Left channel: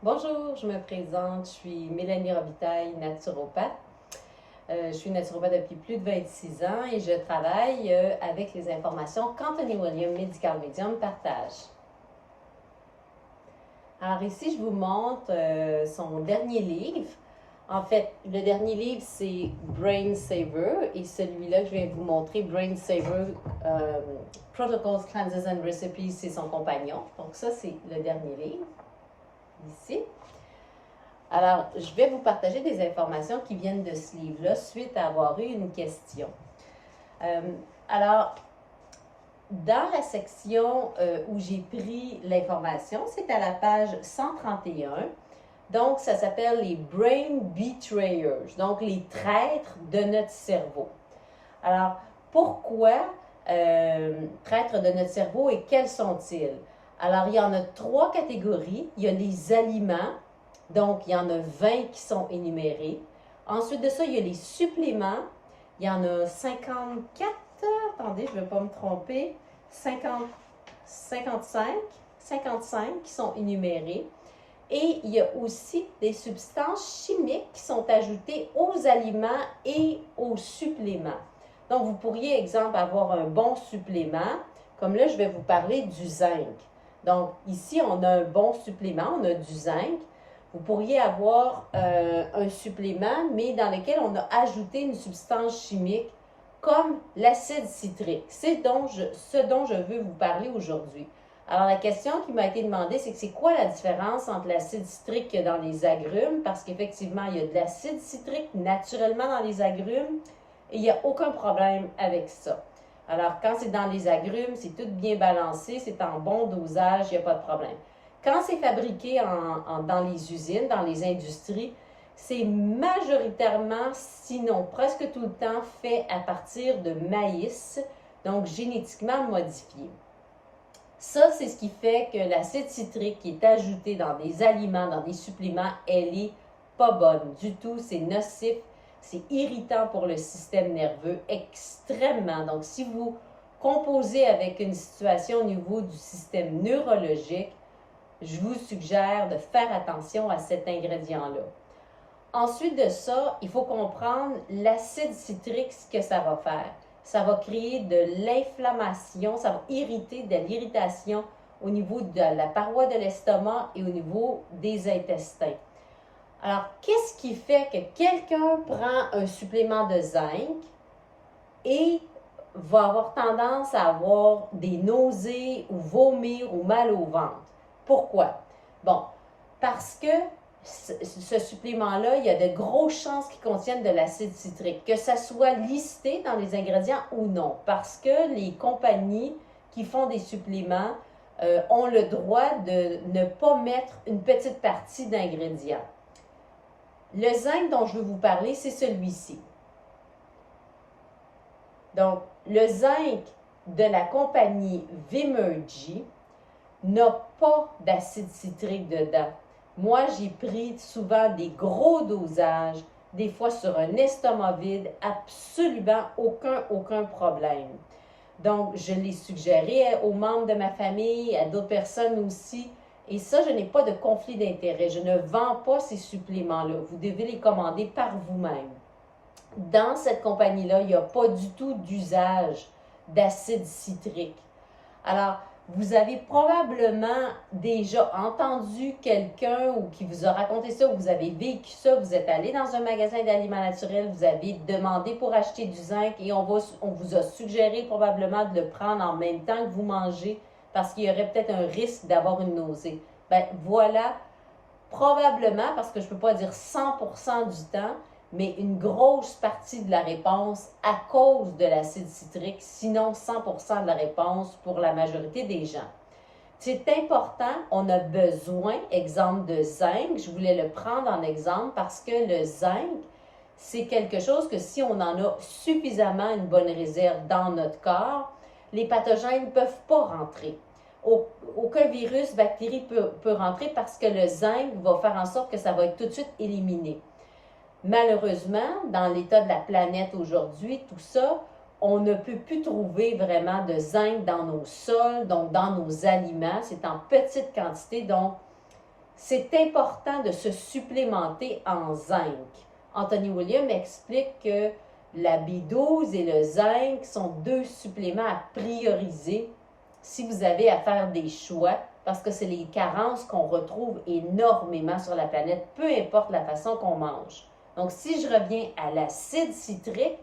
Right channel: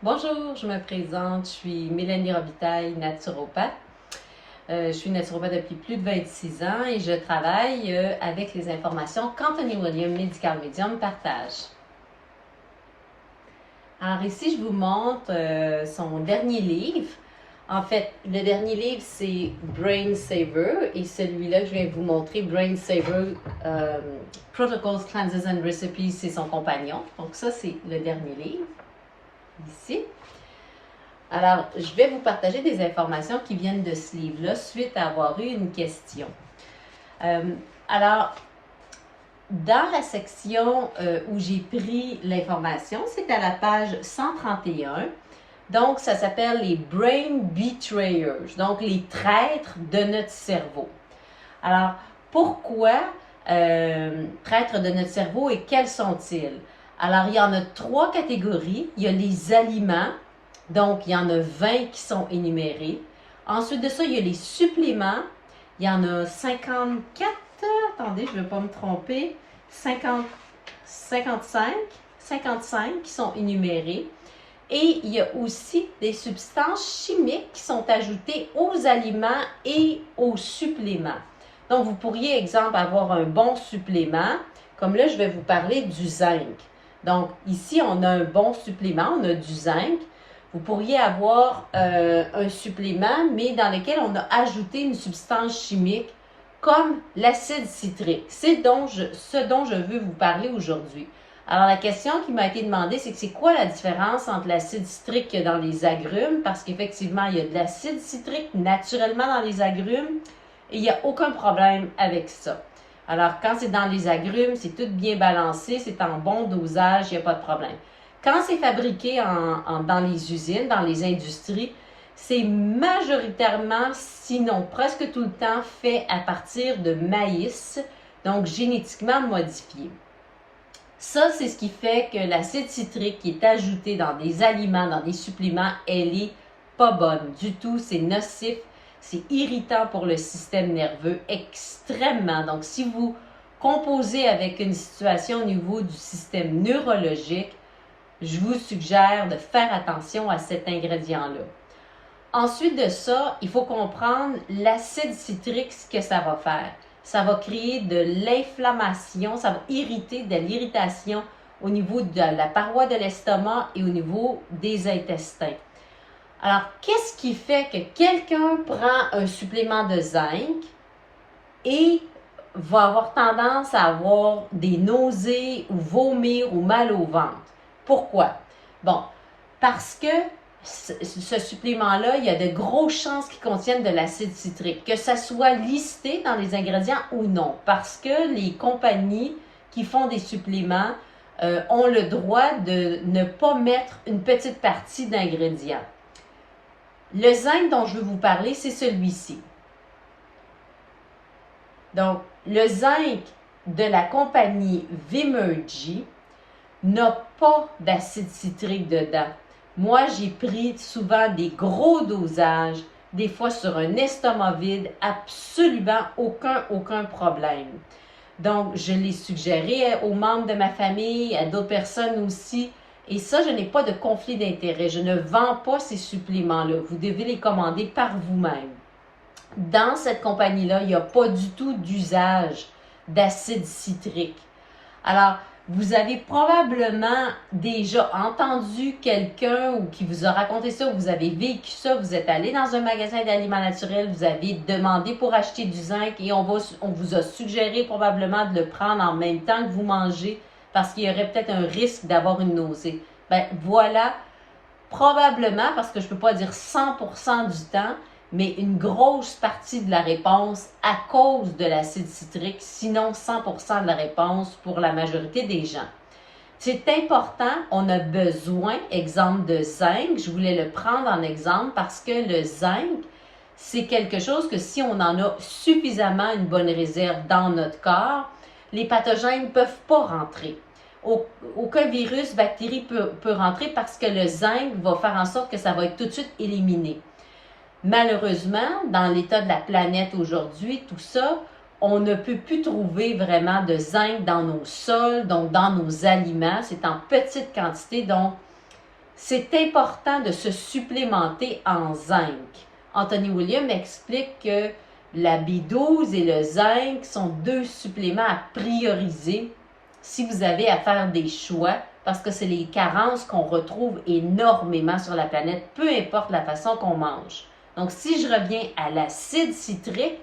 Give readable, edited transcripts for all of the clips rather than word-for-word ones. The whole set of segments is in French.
Bonjour, je me présente, je suis Mélanie Robitaille, naturopathe. Je suis naturopathe depuis plus de 26 ans et je travaille avec les informations qu'Anthony William Medical Medium partage. Alors ici, je vous montre son dernier livre. En fait, le dernier livre, c'est Brain Saver et celui-là, je viens vous montrer Brain Saver Protocols, Cleanses and Recipes, c'est son compagnon. Donc ça, c'est le dernier livre, ici. Alors, je vais vous partager des informations qui viennent de ce livre-là suite à avoir eu une question. Alors, dans la section où j'ai pris l'information, c'est à la page 131. Donc, ça s'appelle les Brain Betrayers, donc les traîtres de notre cerveau. Alors, pourquoi traîtres de notre cerveau et quels sont-ils? Alors, il y en a 3 catégories. Il y a les aliments. Donc, il y en a 20 qui sont énumérés. Ensuite de ça, il y a les suppléments. Il y en a 54. Attendez, je ne vais pas me tromper. 50, 55 qui sont énumérés. Et il y a aussi des substances chimiques qui sont ajoutées aux aliments et aux suppléments. Donc, vous pourriez, exemple, avoir un bon supplément. Comme là, je vais vous parler du zinc. Donc, ici, on a un bon supplément, on a du zinc. Vous pourriez avoir un supplément, mais dans lequel on a ajouté une substance chimique comme l'acide citrique. C'est ce dont je veux vous parler aujourd'hui. Alors, la question qui m'a été demandée, c'est que c'est quoi la différence entre l'acide citrique qu'il y a dans les agrumes? Parce qu'effectivement, il y a de l'acide citrique naturellement dans les agrumes et il n'y a aucun problème avec ça. Alors, quand c'est dans les agrumes, c'est tout bien balancé, c'est en bon dosage, il n'y a pas de problème. Quand c'est fabriqué dans les usines, dans les industries, c'est majoritairement, sinon presque tout le temps, fait à partir de maïs, donc génétiquement modifié. Ça, c'est ce qui fait que l'acide citrique qui est ajouté dans des aliments, dans des suppléments, elle est pas bonne du tout. C'est nocif, c'est irritant pour le système nerveux extrêmement. Donc, si vous composez avec une situation au niveau du système neurologique, je vous suggère de faire attention à cet ingrédient-là. Ensuite de ça, il faut comprendre l'acide citrique, ce que ça va faire. Ça va créer de l'inflammation, ça va irriter, de l'irritation au niveau de la paroi de l'estomac et au niveau des intestins. Alors, qu'est-ce qui fait que quelqu'un prend un supplément de zinc et va avoir tendance à avoir des nausées ou vomir ou mal au ventre? Pourquoi? Bon, parce que ce supplément-là, il y a de grosses chances qu'il contienne de l'acide citrique, que ça soit listé dans les ingrédients ou non, parce que les compagnies qui font des suppléments ont le droit de ne pas mettre une petite partie d'ingrédients. Le zinc dont je veux vous parler, c'est celui-ci. Donc, le zinc de la compagnie Vimergy n'a pas d'acide citrique dedans. Moi, j'ai pris souvent des gros dosages, des fois sur un estomac vide, absolument aucun problème. Donc, je l'ai suggéré aux membres de ma famille, à d'autres personnes aussi. Et ça, je n'ai pas de conflit d'intérêt. Je ne vends pas ces suppléments-là. Vous devez les commander par vous-même. Dans cette compagnie-là, il n'y a pas du tout d'usage d'acide citrique. Alors, vous avez probablement déjà entendu quelqu'un ou qui vous a raconté ça, ou vous avez vécu ça, vous êtes allé dans un magasin d'aliments naturels, vous avez demandé pour acheter du zinc et on vous a suggéré probablement de le prendre en même temps que vous mangez parce qu'il y aurait peut-être un risque d'avoir une nausée. Ben voilà, probablement, parce que je ne peux pas dire 100% du temps, mais une grosse partie de la réponse à cause de l'acide citrique, sinon 100% de la réponse pour la majorité des gens. C'est important, on a besoin, exemple de zinc, je voulais le prendre en exemple parce que le zinc, c'est quelque chose que si on en a suffisamment une bonne réserve dans notre corps, les pathogènes ne peuvent pas rentrer. Aucun virus, bactérie peut rentrer parce que le zinc va faire en sorte que ça va être tout de suite éliminé. Malheureusement, dans l'état de la planète aujourd'hui, tout ça, on ne peut plus trouver vraiment de zinc dans nos sols, donc dans nos aliments. C'est en petite quantité, donc c'est important de se supplémenter en zinc. Anthony Williams explique que la B12 et le zinc sont deux suppléments à prioriser si vous avez à faire des choix, parce que c'est les carences qu'on retrouve énormément sur la planète, peu importe la façon qu'on mange. Donc, si je reviens à l'acide citrique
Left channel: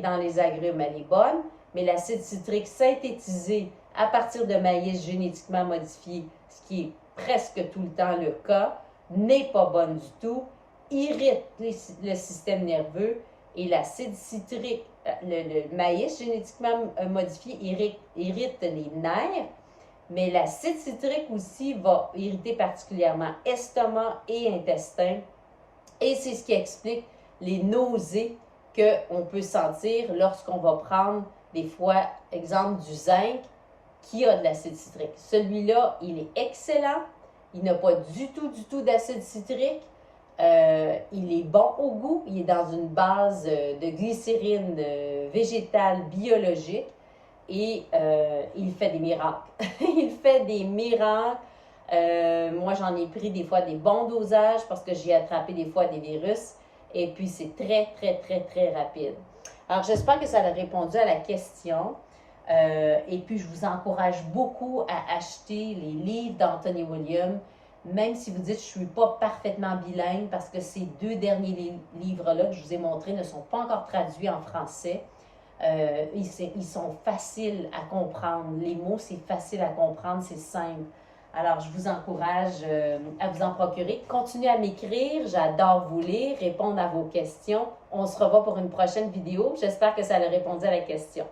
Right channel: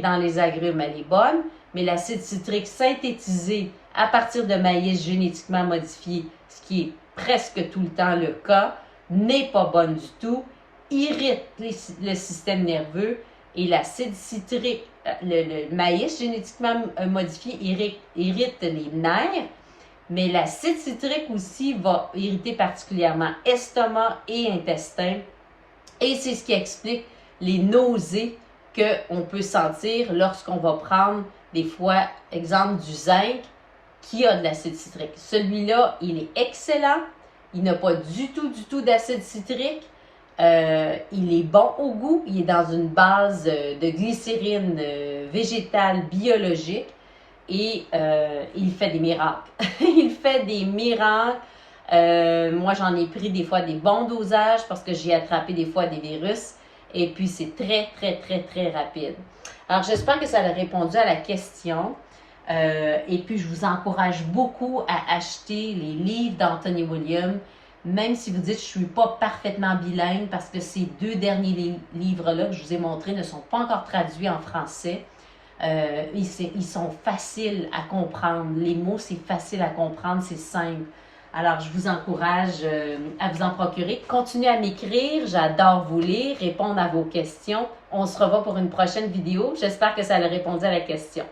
dans les agrumes, elle est bonne, mais l'acide citrique synthétisé à partir de maïs génétiquement modifié, ce qui est presque tout le temps le cas, n'est pas bonne du tout, irrite le système nerveux, et l'acide citrique, le maïs génétiquement modifié irrite les nerfs, mais l'acide citrique aussi va irriter particulièrement estomac et intestin. Et c'est ce qui explique les nausées qu'on peut sentir lorsqu'on va prendre des fois, exemple du zinc qui a de l'acide citrique. Celui-là, il est excellent. Il n'a pas du tout d'acide citrique. Il est bon au goût. Il est dans une base de glycérine végétale biologique. Et il fait des miracles. Il fait des miracles. Moi, j'en ai pris des fois des bons dosages parce que j'ai attrapé des fois des virus. Et puis, c'est très rapide. Alors, j'espère que ça a répondu à la question. Et puis, je vous encourage beaucoup à acheter les livres d'Anthony Williams, même si vous dites que je ne suis pas parfaitement bilingue, parce que ces deux derniers livres-là que je vous ai montrés ne sont pas encore traduits en français. Ils sont faciles à comprendre. Les mots, c'est facile à comprendre, c'est simple. Alors, je vous encourage à vous en procurer. Continuez à m'écrire, j'adore vous lire, répondre à vos questions. On se revoit pour une prochaine vidéo. J'espère que ça a répondu à la question.